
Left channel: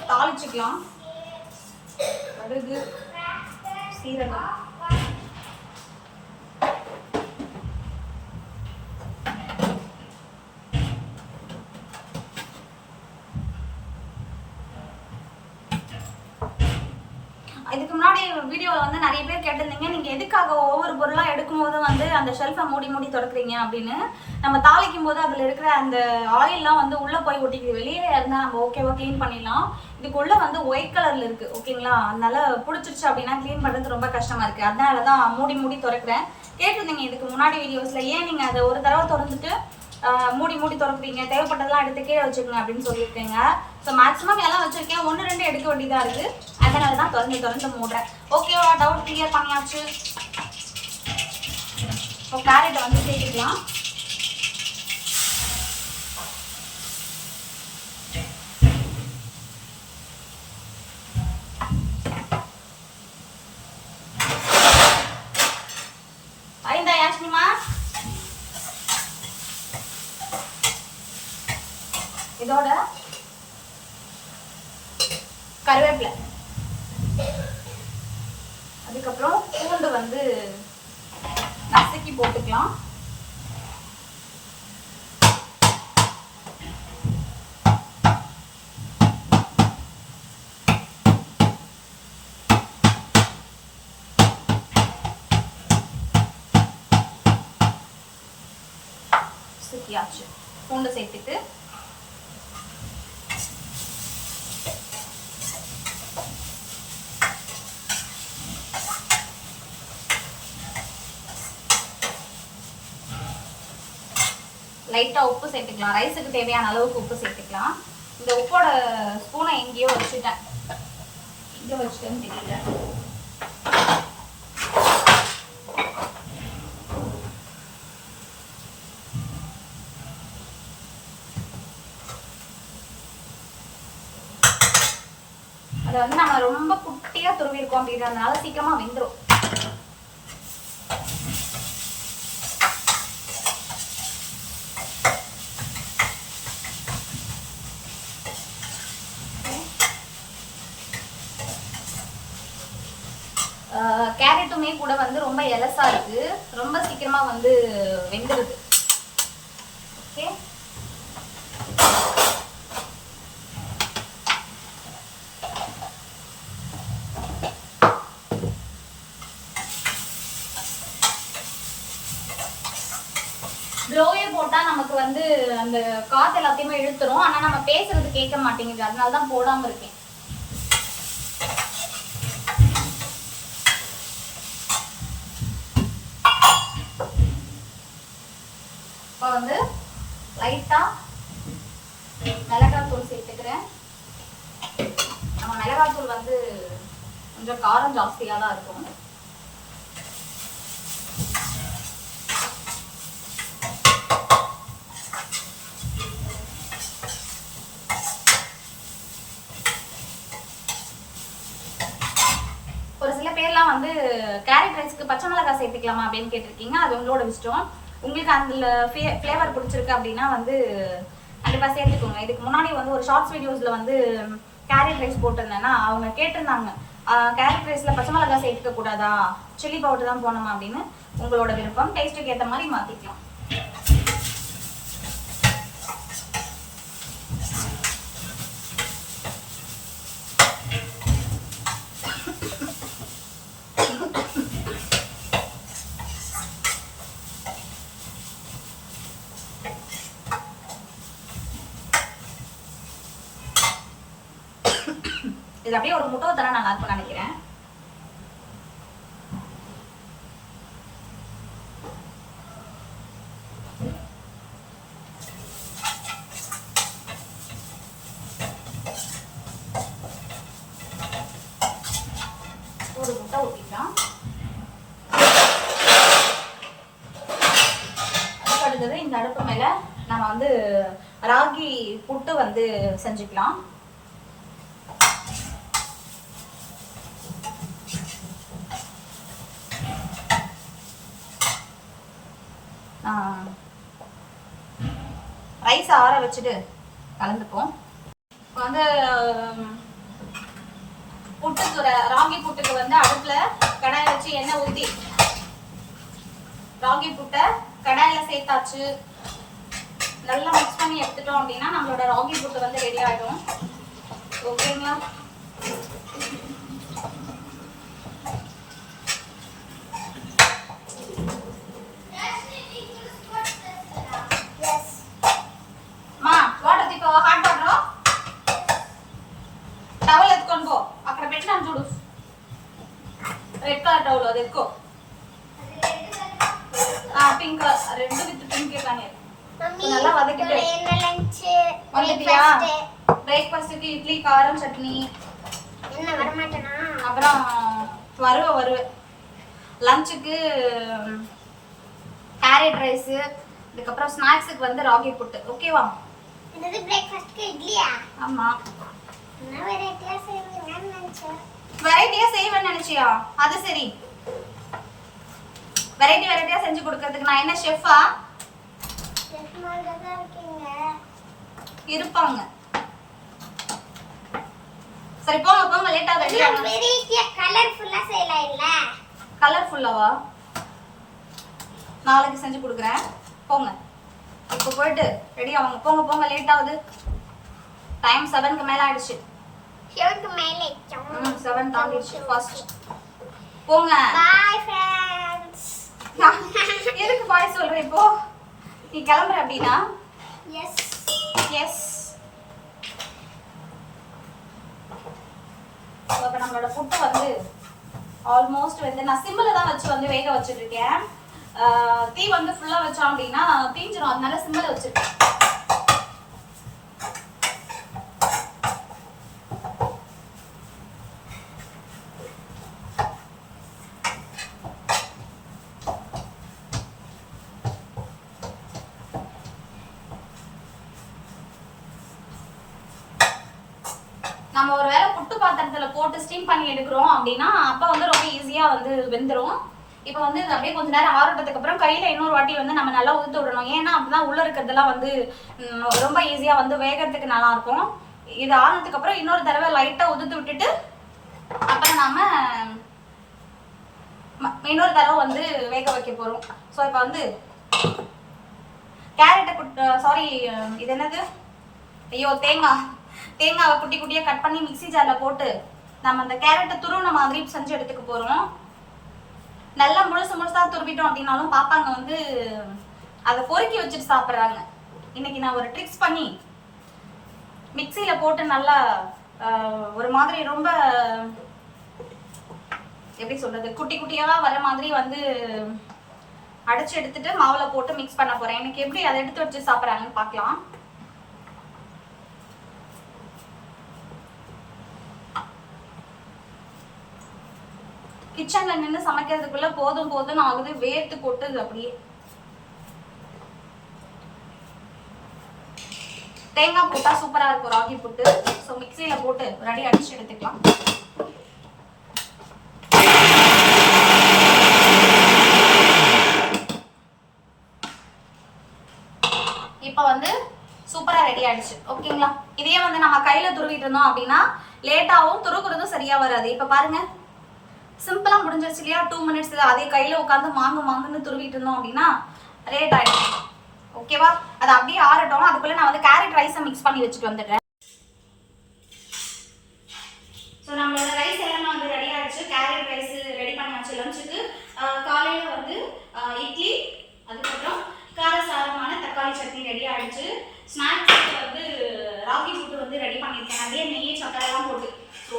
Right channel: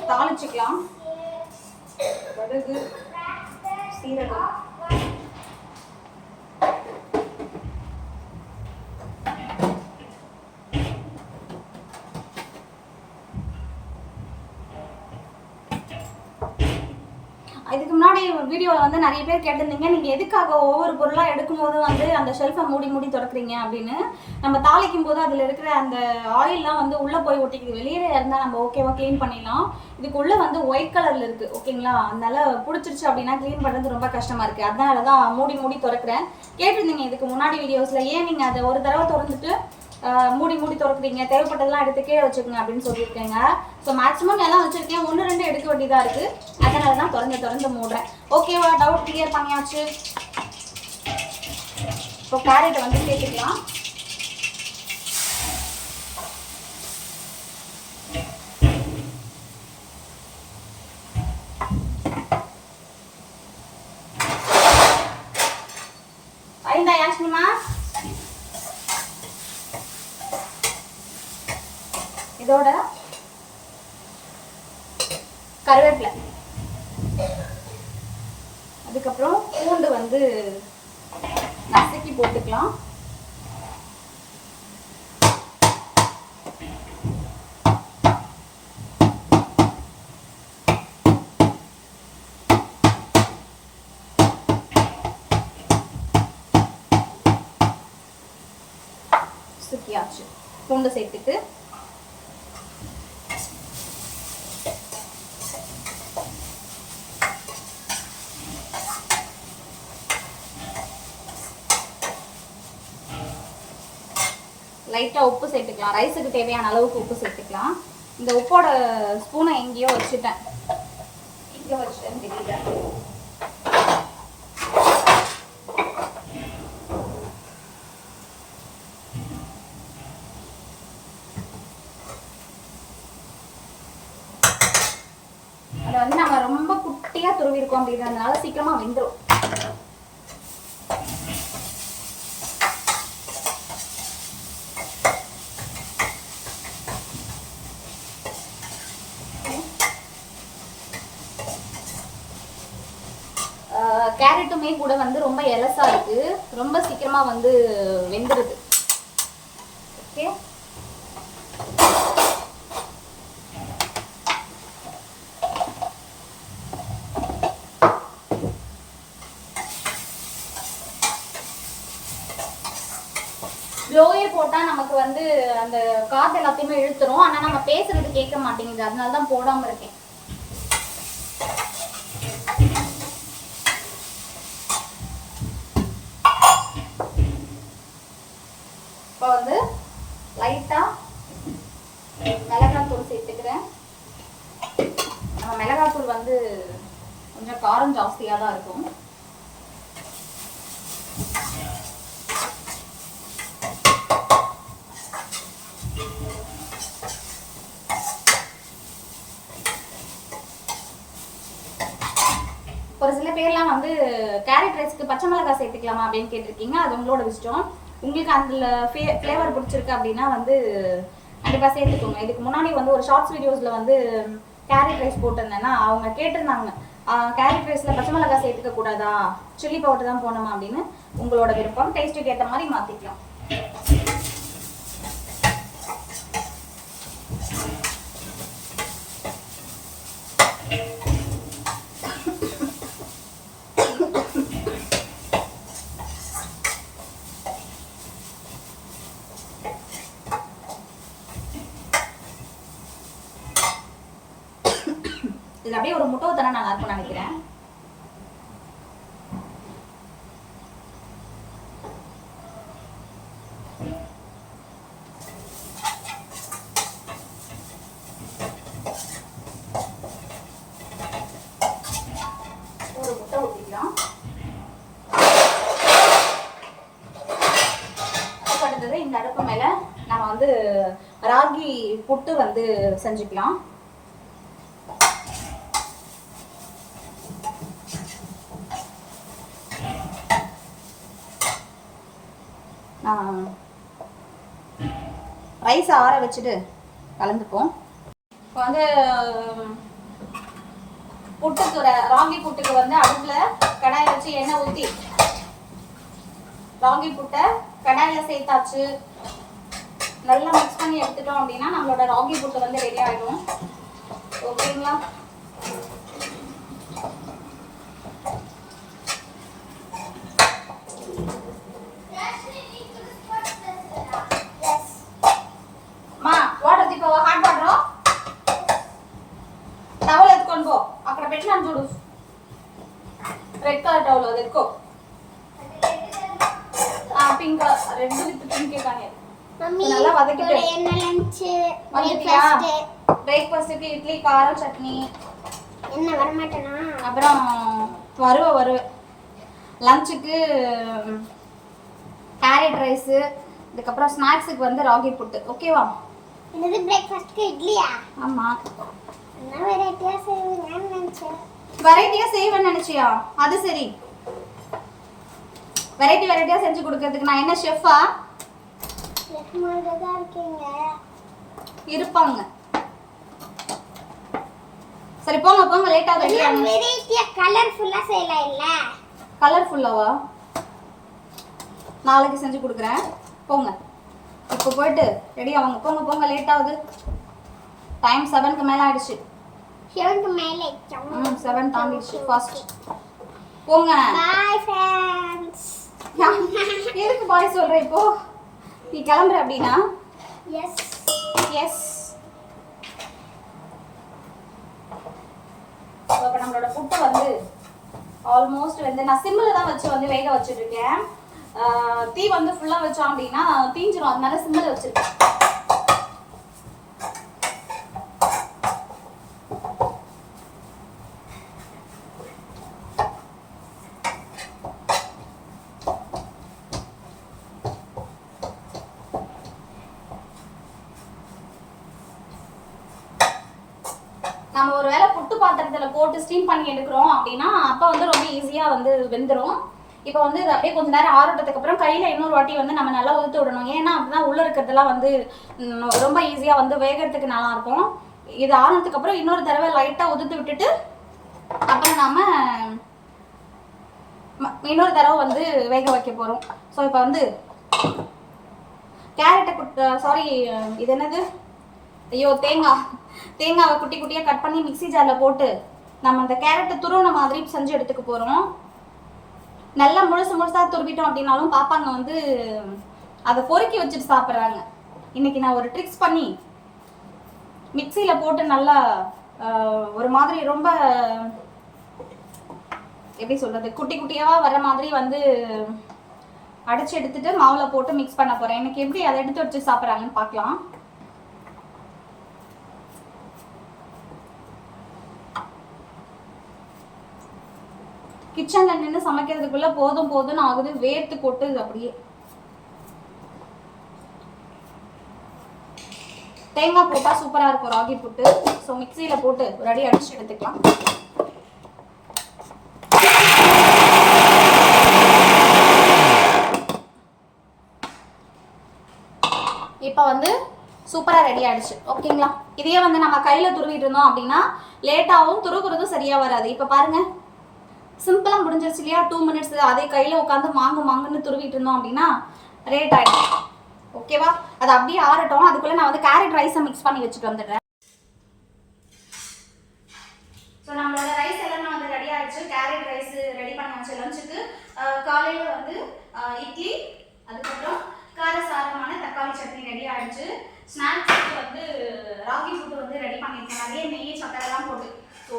தாளிச்சிக்கலாம். கடுகு, சீரகம், இதுக்கு முன்னாடி வீடியோவில் வந்து நிறைய பேர் கேட்டிருந்தீங்க, நீங்கள் எதுக்காக ஒவ்வொரு பொருளாக எடுக்கும்போது வந்து அந்த ஷெல்ஃபை மூடி மூடி திறக்கிறீங்க அப்படின்னு. நம்ம தாளிக்கும் போது அதில் இருக்கிற அந்த ஆயிலெலாம் வந்து உள்ளே போய் ஒட்டிக்குது. வெளியே இருந்தால் நம்ம ஓகேவா க்ளீன் பண்ணிடலாம். இதுக்குள்ளே வந்து ஒயிட் கலரில் இருக்குது, ஓகேங்களா? அதனால பிடிச்சிருச்சு அப்படின்னா க்ளீன் பண்ணுறது ரொம்ப கஷ்டமாக இருக்குது. அதனால தான் மூடி மூடி திறக்கிறேன். கேட்டிருந்தீங்க இதுக்கு முன்னாடி வீடியோஸில், ஏன் நீங்கள் அதை ஒரு தடவை திறந்துட்டு மூடி மூடி திறக்கிறீங்க, தேவைப்பட்டதெல்லாம் எடுத்து கீழே வச்சுக்கோங்க அப்படின்னு சொல்லியிருக்கேங்க. ஸோ மேக்ஸிமம் எல்லாம் வச்சுருக்கேன், 1-2 எடுக்க வேண்டியதாக இருக்குது. அதனால தான் திறந்து மூடுறேன். ஓகேவா? டவுட் கிளியர் பண்ணியாச்சு. இப்போ கேரட் வந்து சேர்த்துக்கலாம். ஐந்தா யாஸ்மிமா, இதோட கருவேப்பிலை, அதுக்கப்புறம் பூண்டு வந்து நசுக்கி போட்டுக்கலாம். நசுக்கியாச்சு. பூண்டு சேர்த்துட்டு லைட்டாக உப்பு சேர்த்துக்கலாம். ரைஸுக்கு தேவையான அளவுக்கு உப்பு சேர்த்துக்கலாம். இந்த உப்போட ஸ்பூனை எங்கேயோ வச்சுட்டேன், எங்கே வச்சுட்டேன்னு தெரியல. அதை வந்து நம்ம ரொம்ப குட்டியாக துருவிருக்கோம் அப்படின்றதுனால சீக்கிரமாக வெந்துடும். கேரட்டுமே கூட வந்து ரொம்ப எலசா இருக்கு, ரொம்ப சீக்கிரமா வந்து வெந்துடுது. ஓகே, ப்ளோயர் போட்டா நமக்கு வந்து அந்த காத்து எல்லாத்தையுமே இழுத்துரும். ஆனா நம்ம பேசுறது கேட்க மாட்டேங்குது, அதனால தான் போடாம இருக்கேன். வந்து லைட்டா மிளகாத்தூள் சேர்த்துக்கிறேன். நம்ம மிளகாத்தூள் வந்து கொஞ்சம் காரம் ஜாஸ்தியாக தான் இருக்கும். ஒரு சில பேர்லாம் வந்து கேரட் ரைஸ்க்கு பச்சை மிளகாய் சேர்த்துக்கலாமா அப்படின்னு கேட்டிருக்கீங்க. அது உங்களோட இஷ்டம். உங்களுக்கு அந்த ஃப்ளேவர் பிடிச்சிருக்கு அப்படின்னா வந்து கண்டிப்பாக சேர்த்துக்கோங்க. இதுக்கு முன்னாடி வந்து ஒரு ஷார்ட்ஸ் வீடியோஸில் வந்து கேரட் ரைஸ் போட்டிருந்தேன்னா அவங்க கேட்டிருந்தாங்க, கேரட் ரைஸில் பச்சை மிளகாய் சேர்த்துக்க கூடாதா, சில்லி பவுடர் தான் போடணுமா அப்படின்னு. உங்களோட விருப்பம், டேஸ்ட்டுக்கு ஏற்ற மாதிரி மாற்றிக்கலாம். இது அப்படியே ஒரு முட்டை ஊத்தனா நல்லா இருக்கும்னு நினைக்கிறேன். ஒரு முட்டை ஊத்திக்கலாம். அடுத்தது இந்த அடுப்பு மேல வந்து ராகி புட்டு வந்து செஞ்சுக்கலாம். ரைஸ் ஆற வச்சுட்டு கலந்துப்போம். இப்போ வந்து புட்டுக்கு ராகி புட்டுக்கு வந்து அடுப்பில் கடாயை வச்சு எண்ணெய் ஊற்றி ராகி புட்டை கடாயில் சேர்த்தாச்சு. நல்லா மிக்ஸ் பண்ணி எடுத்துட்டோம் அப்படின்னா நம்மளோட ராகி புட்டு வந்து ரெடி ஆகிடும். ஓகேங்களா? రెడ్ కలర్ టవల్ అది ఎక్కువ పింక్ రెడ్ విత్ పింక్ కానీ நல்லா வதக்கிட்டு என்ன லஞ்ச் பிரேக்ஃபாஸ்ட்க்கு இட்லி காரம் சட்னி என்ன வர மாட்டேனா அப்புறம் வருவே லஞ்சுக்கு கேரட் ரைஸ் இதுக்கு அப்புறம் ஸ்நாக்ஸ்க்கு வந்து ராகி புட்டு. ஓகேவா? என்னது பிரேக்ஃபாஸ்ட்க்கு இட்லியா? ஆமா. என்ன வெரைட்டியா செய்வீங்கன்னு நினைச்சேன். வெரைட்டியா செய்வேன்னு நினைச்சியா? அது சரி. வெரைட்டியா செஞ்சு கொடுக்கிறதுக்கு நான் என்ன ஷெஃபா? ஷெஃப் மாதிரி தான் இருக்கீங்க. இருப்பாங்க. சரி போங்க லேட்டா வரீங்க. வெரைட்டியா கலர்ஃபுல்லா செய்யலாம் இல்ல? கலர்ஃபுல்லாவா? நாளைக்கு செஞ்சு கொடுக்குறேன். போங்க. இப்போ போயிட்டு ரெடி ஆகுங்க. போங்க லேட் ஆகுது. டைம் 7க்கு மேல ஆயிடுச்சு. 7க்கு மேல 7 தாண்டிடுச்சு. ஃபாஸ்ட் போங்க. Bye friends. எதுக்கு பாய் சொல்ற இப்போ? நீ கிளம்புற அப்படினா? எஸ். இப்போ நம்மளோட புட்டு வந்து ஆல்மோஸ்ட் வந்து நான் சிம்மில் தான் வச்சு வந்து வேக வச்சுட்டு இருக்கேன். தீ வந்து ஃபுல்லா வச்சோம் அப்படின்னா தீஞ்சிரும். அதனால சிம்மில் வச்சிருக்கேன். நம்ம ஒருவேளை புட்டு பாத்திரத்துல போட்டு ஸ்டீம் பண்ணி எடுக்கிறோம் அப்படின்னா அப்போ வந்து ரொம்ப ஈஸியா வந்து வெந்துடும். இப்போ வந்து இது அப்படியே கொஞ்ச நேரம் ஆறட்டதுக்கு அப்புறம் கையில இன்னொரு வாட்டி வந்து நம்ம நல்லா ஊற்றி விடணும். ஏன்னா அப்படிதான் உள்ள இருக்கிறதெல்லாம் வந்து ரொம்ப ஈஸியா வந்து வேகிறதுக்கு நல்லா இருக்கும். இது ஆனதுக்கு அப்புறம் இன்னொரு தடவை லைட்டா உதுத்து விட்டுட்டு அப்புறம் நாம இன்னொரு தடவை வந்து வேக வைக்க போறோம். ஸோ இப்போ வந்து கேரட்டை இது என்னது? ஐயோ, தேங்காவை குட்டி குட்டியாக கட் பண்ணி மிக்ஸி ஜாரில் போட்டு நம்ம அந்த கேரட்டை துருவன மாதிரி செஞ்சு எடுத்துக்க போகிறோம். நல்லா முழுசாக துருவிட்டோம் அப்படின்னாலும் பாப்பாங்க வந்து அதை பொறுக்கி வச்சுட்டு சாப்பிட்றாங்க. இன்னைக்கு நான் ஒரு ட்ரிக்ஸ் பண்ணி மிக்ஸியில் போட்டு நல்லா ஒரு மாதிரி ரொம்ப எப்படி சொல்றது, குட்டி குட்டியாக வர மாதிரி வந்து அடிச்சு எடுத்துட்டு மாவுல போட்டு மிக்ஸ் பண்ண போறேன். எனக்கு எப்படி அதை எடுத்து வச்சு சாப்பிட்றாங்கன்னு பார்க்கலாம். கிச்சன்ல நின்று சமைக்கிறதுக்குள்ள போதும்னு ஆகுது. வேர்த்து கொட்டுது அப்படியே. தேங்காய் போட்டா சூப்பரா இருக்கும் ராகி புட்டு. ஸோ மிக்சியில போட்டு ஒரு அடி அடிச்சு எடுத்துக்கலாம். இப்போ வந்து சூப்பரா ரெடி ஆயிடுச்சு. ஓகேங்களா? இதையே வந்து நம்ம கையில துருவிட்டு இருந்தோம் அப்படின்னா லேட்டாகவும் துருகுறதும் சரியா வராது. இப்போ பாருங்க, சிம்பிளா முடிஞ்சிருச்சு இல்லையா? 2 minutes. அதே கையில உட்காந்து மாங்குன்னு துருவிட்டு இருந்தோம் அப்படின்னா ரேட் ஆயிடும். ஓகேவா? அது அப்படியே ஆறட்டும். அதுக்குள்ள நான் வந்து கேரட் ரைஸை மிக்ஸ் பண்ணி வச்சுட்டு வந்துடுறேன். ஸோ நம்மளோட ரைஸ் எல்லாமே வந்து ரெடி ஆயிடுச்சு. கேரட் ரைஸ் ரெடி பண்ணியாச்சு லஞ்சுக்கு. காலையில வந்து இட்லி, அதுக்கப்புறம் காரசாரமான தக்காளி சட்னி ரெடி ஆயிடுச்சு. ஸ்நாக்ஸுக்கு வந்து ராகி புட்டு வந்து ரெடி பண்ணியிருக்கேன். நிறைய நெய் சக்கரைலாம் போட்டு. ஸோ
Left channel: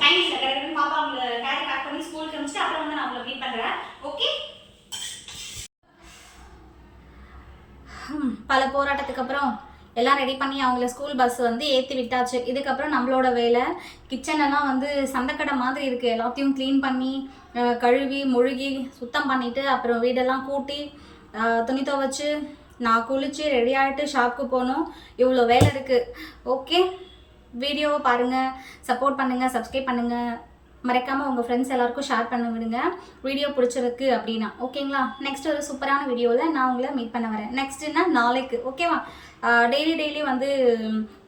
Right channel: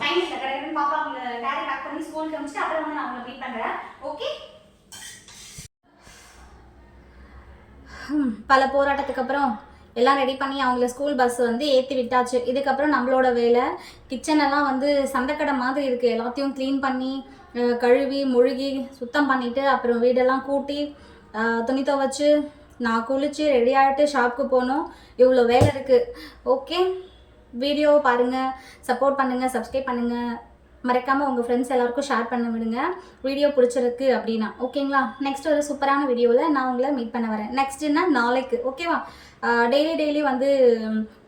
டைம் இல்லை, கிடையாது. பாப்பா அவங்களை கேரி பேக் பண்ணி ஸ்கூலுக்கு அனுப்பிச்சிட்டு அப்புறம் வந்து நான் அவங்களை மீட் பண்ணுறேன். ஓகே? பல போராட்டத்துக்கு அப்புறம் எல்லாம் ரெடி பண்ணி அவங்கள ஸ்கூல் பஸ் வந்து ஏற்றி விட்டாச்சு. இதுக்கப்புறம் நம்மளோட வேலை கிச்சனெல்லாம் வந்து சந்தைக்கடை மாதிரி இருக்குது. எல்லாத்தையும் க்ளீன் பண்ணி கழுவி முழுகி சுத்தம் பண்ணிவிட்டு அப்புறம் வீடெல்லாம் கூட்டி துணி துவைச்சு நான் குளிச்சு ரெடி ஆகிட்டு ஷாப்புக்கு போகணும். இவ்வளோ வேலை இருக்குது. ஓகே, வீடியோ பாருங்கள், சப்போர்ட் பண்ணுங்கள், சப்ஸ்கிரைப் பண்ணுங்கள், மறக்காமல் உங்கள் ஃப்ரெண்ட்ஸ் எல்லாருக்கும் ஷேர் பண்ண விடுங்க வீடியோ பிடிச்சிருக்கு அப்படின்னா. ஓகேங்களா? நெக்ஸ்ட் ஒரு சூப்பரான வீடியோவில் நான் உங்களை மீட் பண்ண வரேன். நெக்ஸ்ட்டுன்னா நாளைக்கு. ஓகேவா? டெய்லி வந்து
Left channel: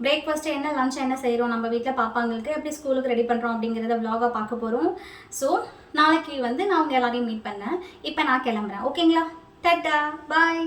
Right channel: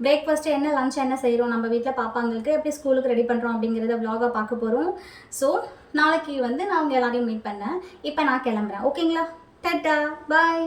பிரேக்ஃபாஸ்ட்டு என்ன, லஞ்ச் என்ன செய்கிறோம் நம்ம வீட்டில், பாப்பாங்களுக்கு எப்படி ஸ்கூலுக்கு ரெடி பண்ணுறோம் அப்படிங்கிறத வ்ளாகாக பார்க்க போகிறோம். ஸோ நாளைக்கு வந்து நான் உங்கள் எல்லாரையும் மீட் பண்ணேன். இப்போ நான் கிளம்புறேன். ஓகேங்களா? டாட்டா, பாய்.